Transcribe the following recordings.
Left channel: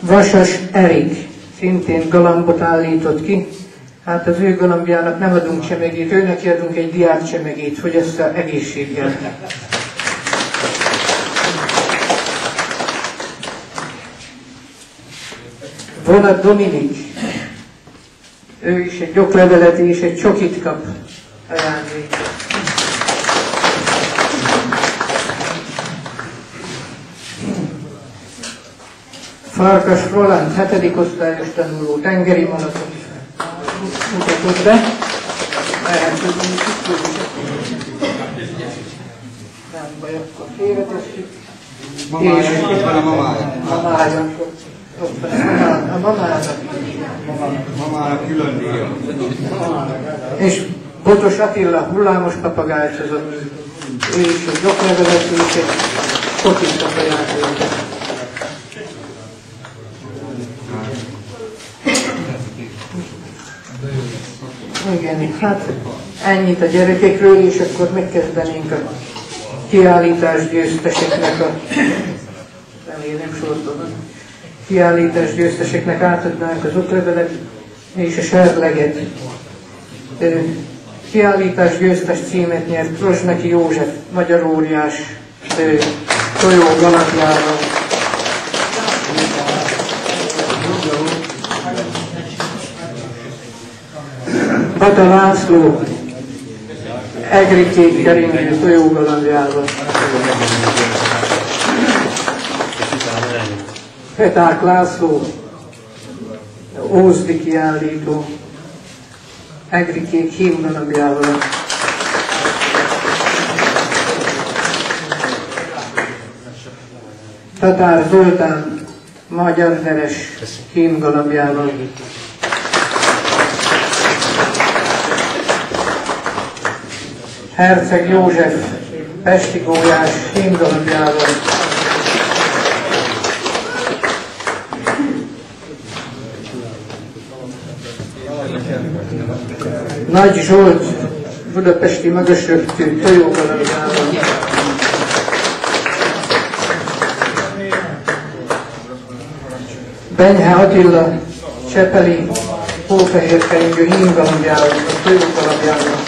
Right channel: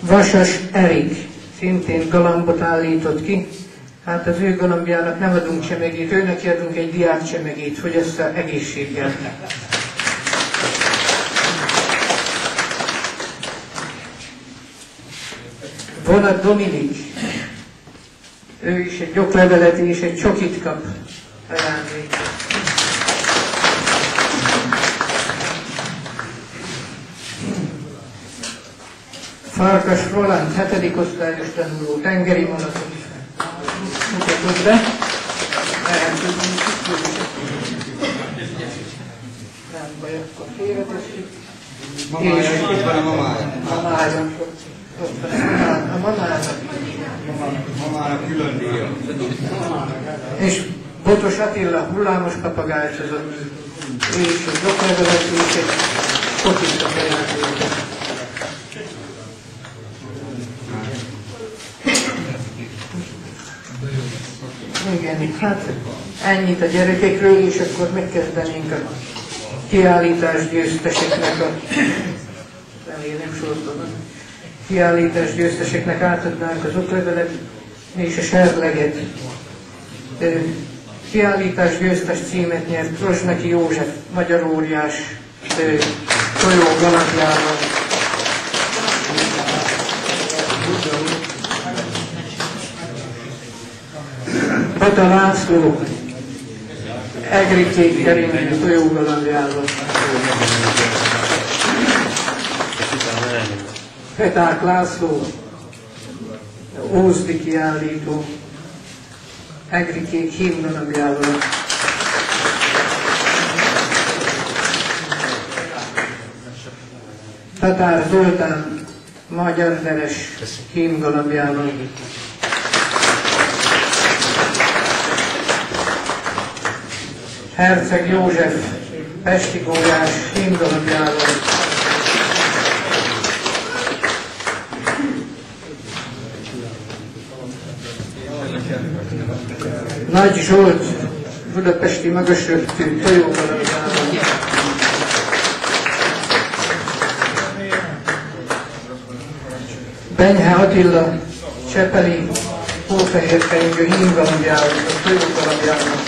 Vasas Erik szintén galambot állított ki. Hát az ő galambjának nem adunk csemegét, őnek adunk egy diák csemegét, hogy ezt az egészséggel. Vonat Dominik, ő is egy oklevelet és egy csokit kap ajándékot. Farkas Roland, 7. osztályos tanuló, tengeri malatot mutatott be. Nem baj, akkor félretesszük. Itt van a mamája. A Mamának külön díja. És Botos Attila hullámos papagájcsozott, és egy oklevelet és egy kotit a ajándékot. Igen, hát ennyit a gyerekekről, és akkor megkezdenénk a kiállítás győzteseknek remélem sorban. Kiállítás győzteseknek átadnánk az oklevelet és a serleget. Kiállítás győztes címet nyert Rozsneki József, magyar óriás tojó galambjával. Bata László, egri-kék keringő tojógalambjával. Peták László, ózdi kiállító, egri-kék hímgalambjával. Tatár Zoltán, magyar neves hímgalambjával. Herceg József, pesti gólyás hímgalambjával. Nagy Zsolt, budapesti magasröptű tojógalambjával. Benyhe Attila, csepeli hófehérkeringő hímgalambjával, a tojógalambjával.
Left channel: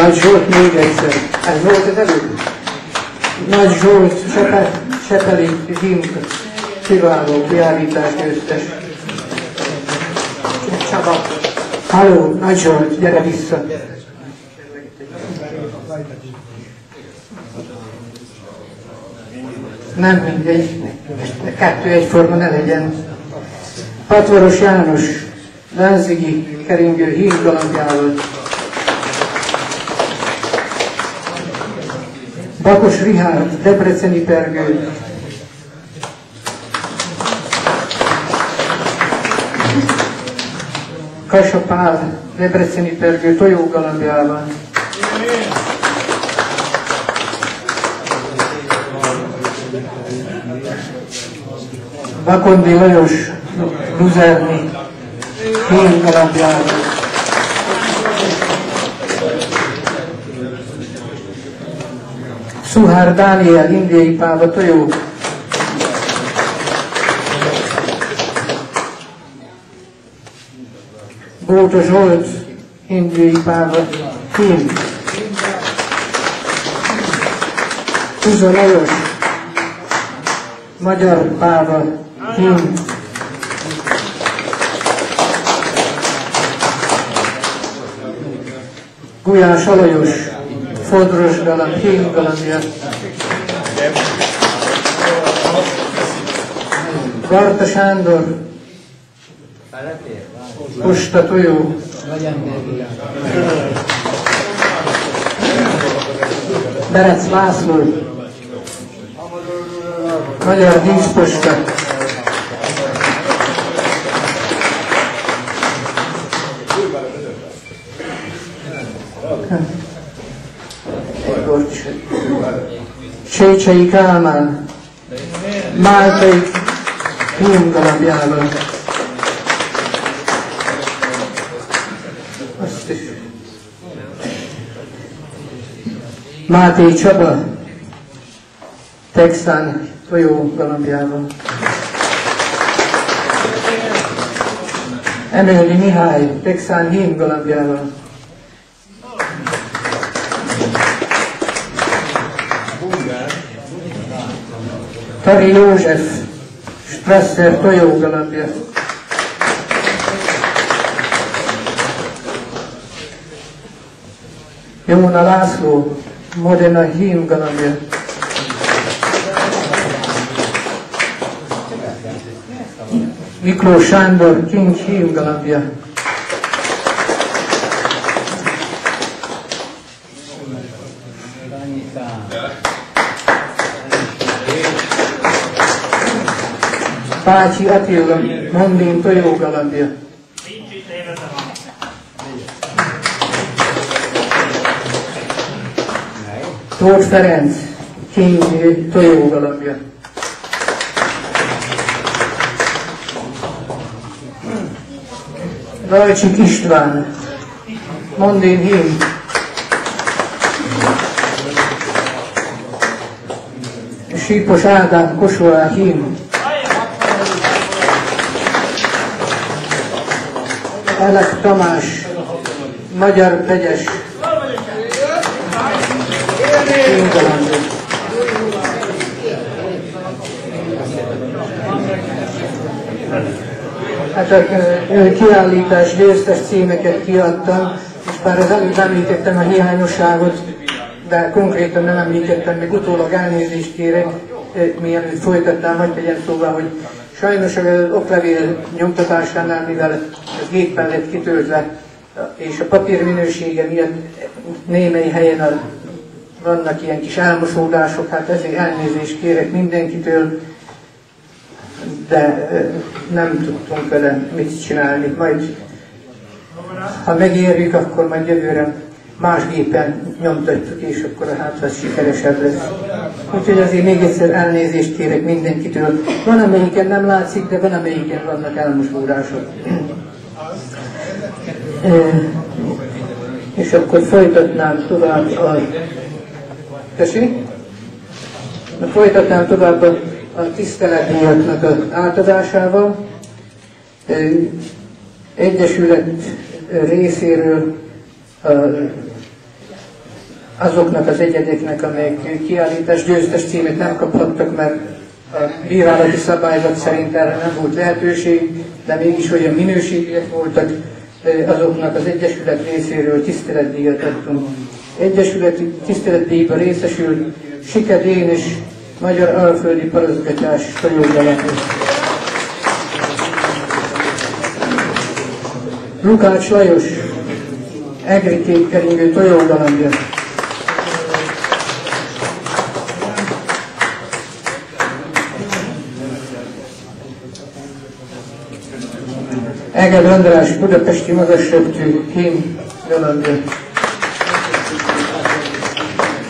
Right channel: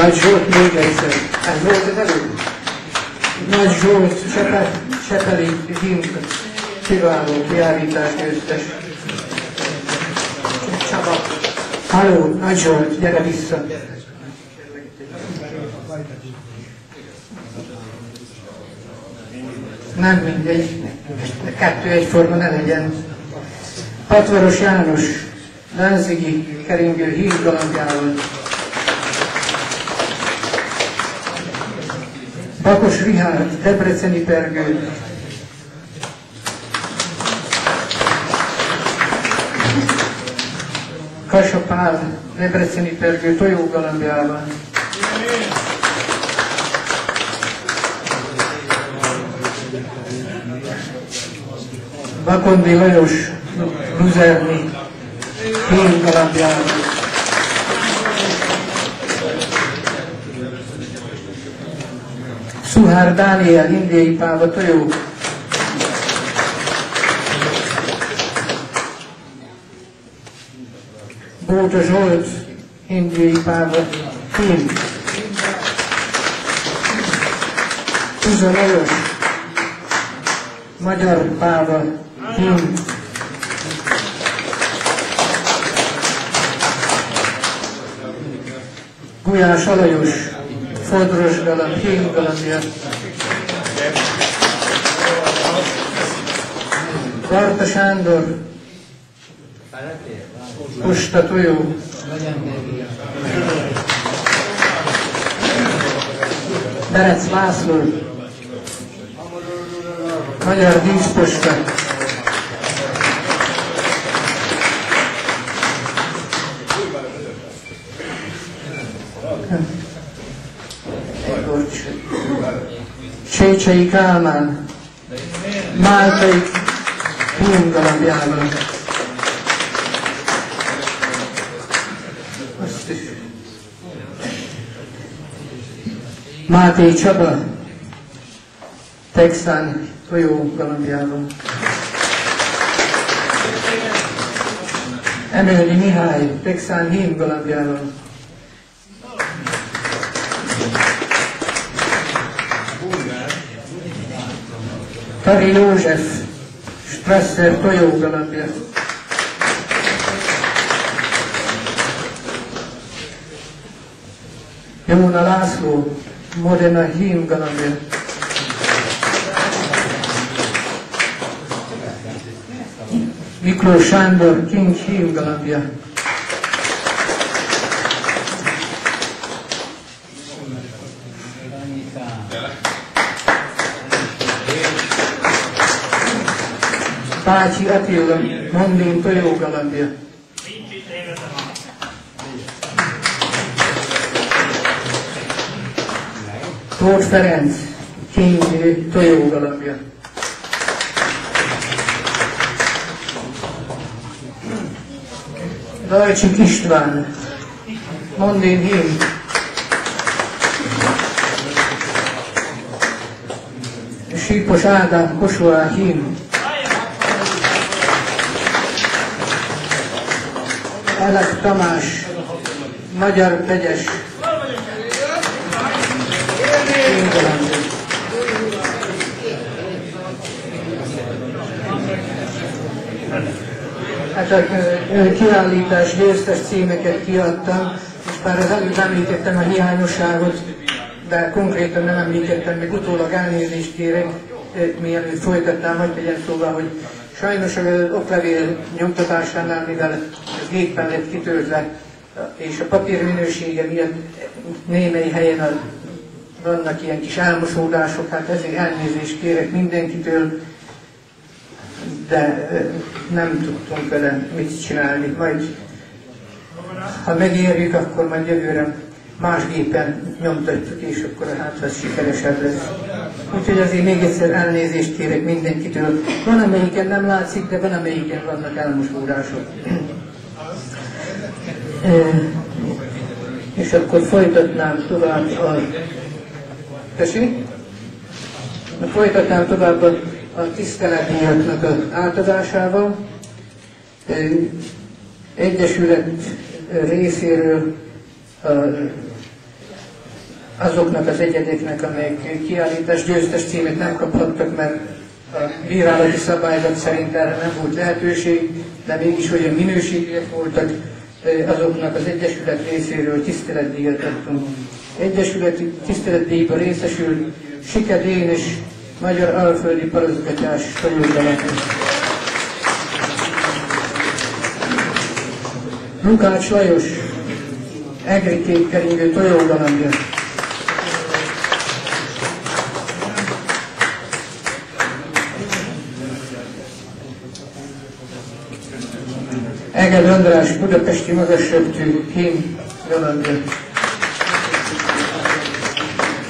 Nagy Zsolt még egyszer. Ez volt az előbb? Nagy Zsolt, csepeli hím, kiváló kiállítás győztes. Csaba. Halló, Nagy Zsolt, gyere vissza. Nem mindegy, kettő egyforma ne legyen. Patvaros János, Lánzigi keringő hímgalambjával. Bakos Rihárd, debreceni pergő. Kassa Pál, debreceni pergő tojógalambjával. Bakondi Lajos, luzerni hímgalambjával. Szuhár Dániel, indiai páva tojó. Bóta Zsolt, indiai páva hím. Tuza Lajos, magyar páva hím. Gulyás Alajos, fodros galamb, hímgalambja. Varta Sándor, posta tojó. Berec László, magyar díszposta. Csécsei Kálmán, máltai hímgalambjával. Azt is Máté Csaba, texán tojó galambjával. Emelni Mihály, texán hím galambjával. Tari József, Strasser tojó galambja. Jóna László, Modena hím galambja. Miklós Sándor, King hím galambja. Pácsi Attila, Mondin tojó galambja. Tóth Ferenc, King tojó galambja. Lajcsik István, Mondin hím. Sípos Ádám, Kossuth hím. Elek Tamás, Magyar Pegyes, hím galambja. Hát a kiállítás győztes címeket kiadtam, és bár az előbb említettem a hiányosságot, de konkrétan nem említettem, még utólag elnézést kérek, mielőtt folytatnám, hogy tegyen szóval, hogy sajnos az oklevél nyomtatásánál, mivel ez géppel lett kitöltve, és a papír minősége miatt némely helyen vannak ilyen kis elmosódások, hát ezért elnézést kérek mindenkitől, de nem tudtunk vele mit csinálni. Majd, ha megérjük, akkor majd jövőre más gépen nyomtatjuk, és akkor hát az sikeresebb lesz. Úgyhogy azért még egyszer elnézést kérek mindenkitől. Van, amelyiken nem látszik, de van, amelyiken vannak elmosódások. És akkor folytatnám tovább folytatnám tovább a tiszteletdíjaknak az átadásával. Egyesület részéről azoknak az egyedeknek, amelyek kiállítás győztes címet nem kaphattak, mert a bírálati szabályzat szerint erre nem volt lehetőség, de mégis olyan minőségiek voltak, azoknak az Egyesület részéről tiszteletdíjat adtunk. Egyesületi tiszteletdíjba részesül Sike Dénes, Magyar Alföldi Paraszgatás tojógalambja. Lukács Lajos, egri kékkeringő tojógalambja. Eged András, budapesti magasröptű hím galambja.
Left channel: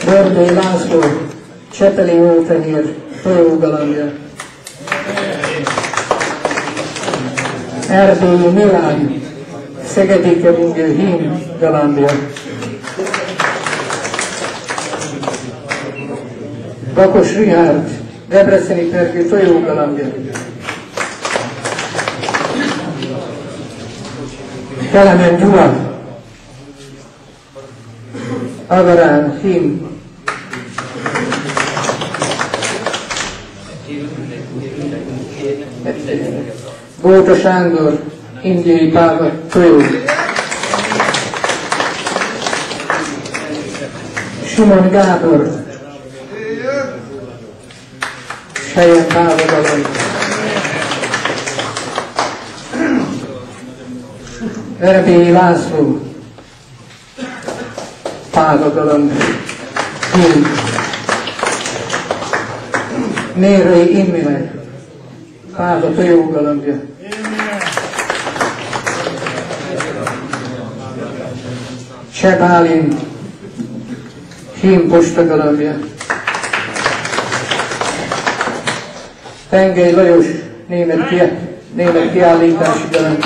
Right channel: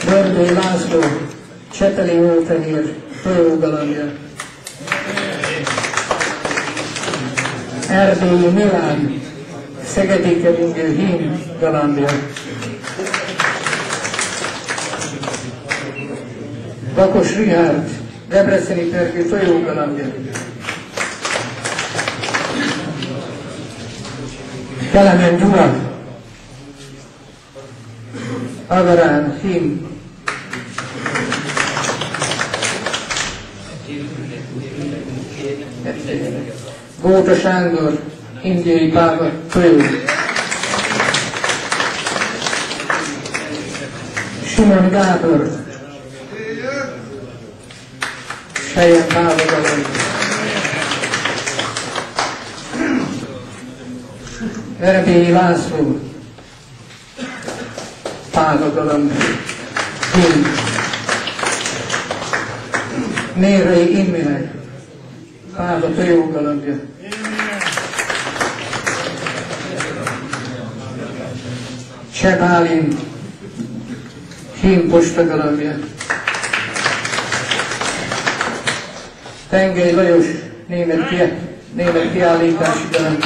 Bördői László, Csepeli Ófehér tojógalambja. Erdélyi Milán, Szegedi keringő hím galambja. Bakos Richárd, Debreceni pergő tojógalambja. Kelemen Gyula, Avarán hím. Bóta Sándor, Indiai Páva tojó. Simon Gábor, Sejen Páva galamb. Verebélyi László, Páva galamb. Mérai Imre, Páva tojógalambja. Cseh Bálint, hím postagalambja. Tengely Lajos, német kiállítási galamb.